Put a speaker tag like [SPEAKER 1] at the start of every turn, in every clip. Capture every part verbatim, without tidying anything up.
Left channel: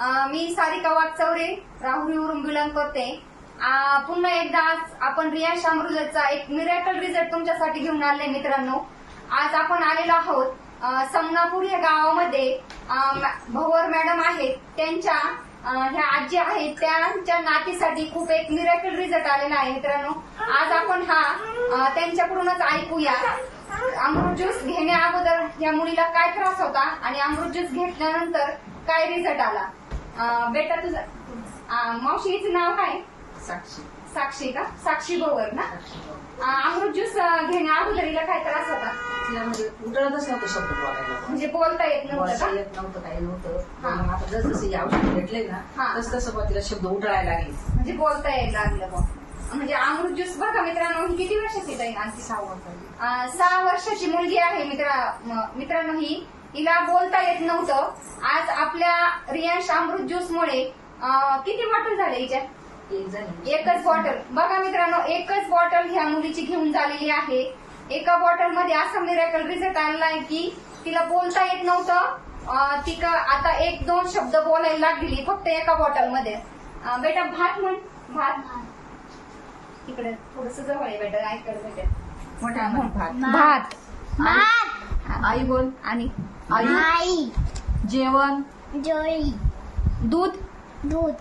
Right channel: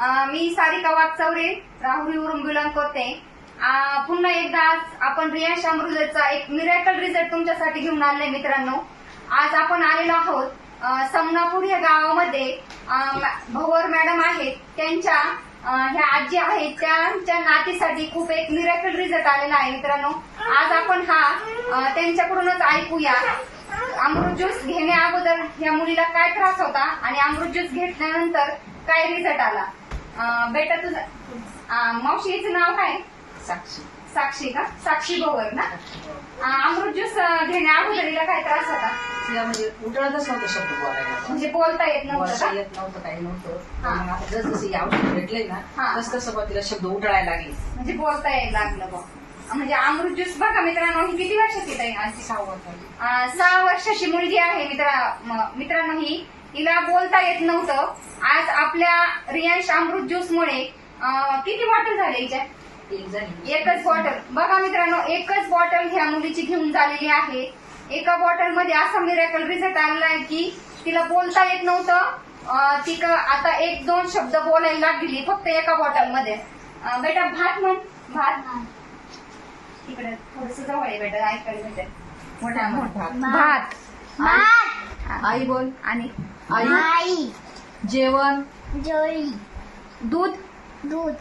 [SPEAKER 1] मी सारिका वागचौरे राहुरीवरून बिलॉंग करते. पुन्हा एकदा आज आपण रियांश अमृतचा एक मिरॅकल रिझल्ट तुमच्यासाठी घेऊन आले मित्रांनो. आज आपण आलेलो आहोत समनापूर या गावामध्ये. भवर मॅडम आहेत, त्यांच्या ह्या आजी आहेत, त्यांच्या नातीसाठी खूप एक मिरॅकल रिझल्ट आलेला आहे मित्रांनो. आज आपण हा त्यांच्याकडूनच ऐकूया. अमृत ज्यूस घेण्या अगोदर या मुलीला काय त्रास होता आणि अमृत ज्यूस घेतल्यानंतर काय रिझल्ट आला. बेटा तुझं मावशीचं नाव काय?
[SPEAKER 2] साक्षी.
[SPEAKER 1] साक्षी का? साक्षी भवर ना. अमृत ज्यूस घेण्या अगोदर हिला काय त्रास होता?
[SPEAKER 2] तिला म्हणजे उठळतच नव्हतं शब्द बोलायला,
[SPEAKER 1] म्हणजे बोलता येत नव्हतं
[SPEAKER 2] बोलता
[SPEAKER 1] का?
[SPEAKER 2] येत नव्हतं, काही नव्हतं. मग आता जस जसे औषध भेटले ना
[SPEAKER 1] हा.
[SPEAKER 2] तस तसं बघ तिला शब्द उठळायला लागले,
[SPEAKER 1] म्हणजे बोलता यायला लागलं बघ. म्हणजे अमृत ज्यूस बघा मित्रांनो, ही किती वर्षाची ताई? आज
[SPEAKER 2] सहा
[SPEAKER 1] सहा वर्षाची मुलगी आहे मित्रा मित्रांनो. ही हिला बोलता येत नव्हतं. आज आपल्या रियांश अमृत ज्यूस मुळे किती बॉटल झाले हिच्या?
[SPEAKER 2] एक झाली.
[SPEAKER 1] एकच बॉटल बघा मित्रांनो, एकच बॉटल ह्या मुलीची घेऊन झालेली आहे. एका बॉटल मध्ये असा मिरॅकल रिझल्ट आलेला आहे की तिला बोलता येत नव्हतं. ती आता एक दोन शब्द बोलायला लागली फक्त एका बॉटल मध्ये. बेटा भात म्हण. भात इकडे थोडस जवळ आहे बेटा, ऐकायला भेटेल.
[SPEAKER 2] मोठ्या भात.
[SPEAKER 1] भात
[SPEAKER 3] भात.
[SPEAKER 2] आई बोल.
[SPEAKER 1] आणि
[SPEAKER 3] आई.
[SPEAKER 2] जेवण.
[SPEAKER 3] जोळी.
[SPEAKER 1] दूध.
[SPEAKER 3] दूध.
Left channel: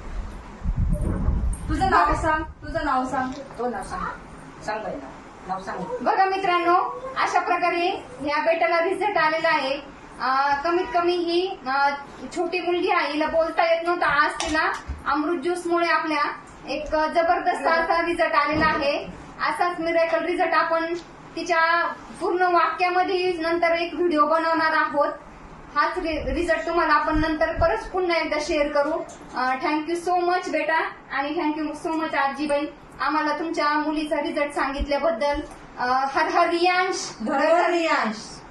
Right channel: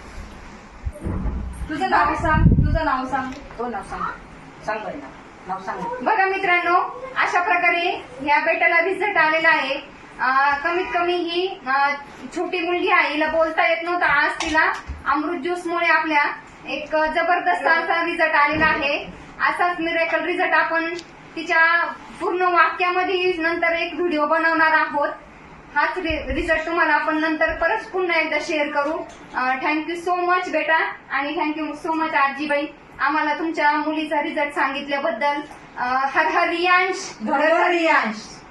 [SPEAKER 1] तुझं नाव सांग. तुझं नाव सांग.
[SPEAKER 2] हो नाव सांग. सांग बाई ना नाव सांग.
[SPEAKER 1] बघा मित्रांनो, अशा प्रकारे ह्या बेटाला रिझल्ट आलेला आहे. कमीत कमी ही छोटी मुलगी आहे, हिला बोलता येत नव्हतं. आज तिला अमृत ज्यूस मुळे आपल्या एक जबरदस्त असा रिझल्ट आलेला आहे. असाच मिरॅकल रिझल्ट आपण तिच्या पूर्ण वाक्यामध्ये नंतर एक व्हिडिओ बनवणार आहोत. हाच रिझल्ट तुम्हाला आपण नंतर परत पुन्हा एकदा शेअर करू. थँक्यू सो मच बेटा, आणि थँक्यू सो मच आजीबाई आम्हाला तुमच्या मुलीचा रिझल्ट सांगितल्याबद्दल. हर हर रियांश.
[SPEAKER 2] धर धर रियांश.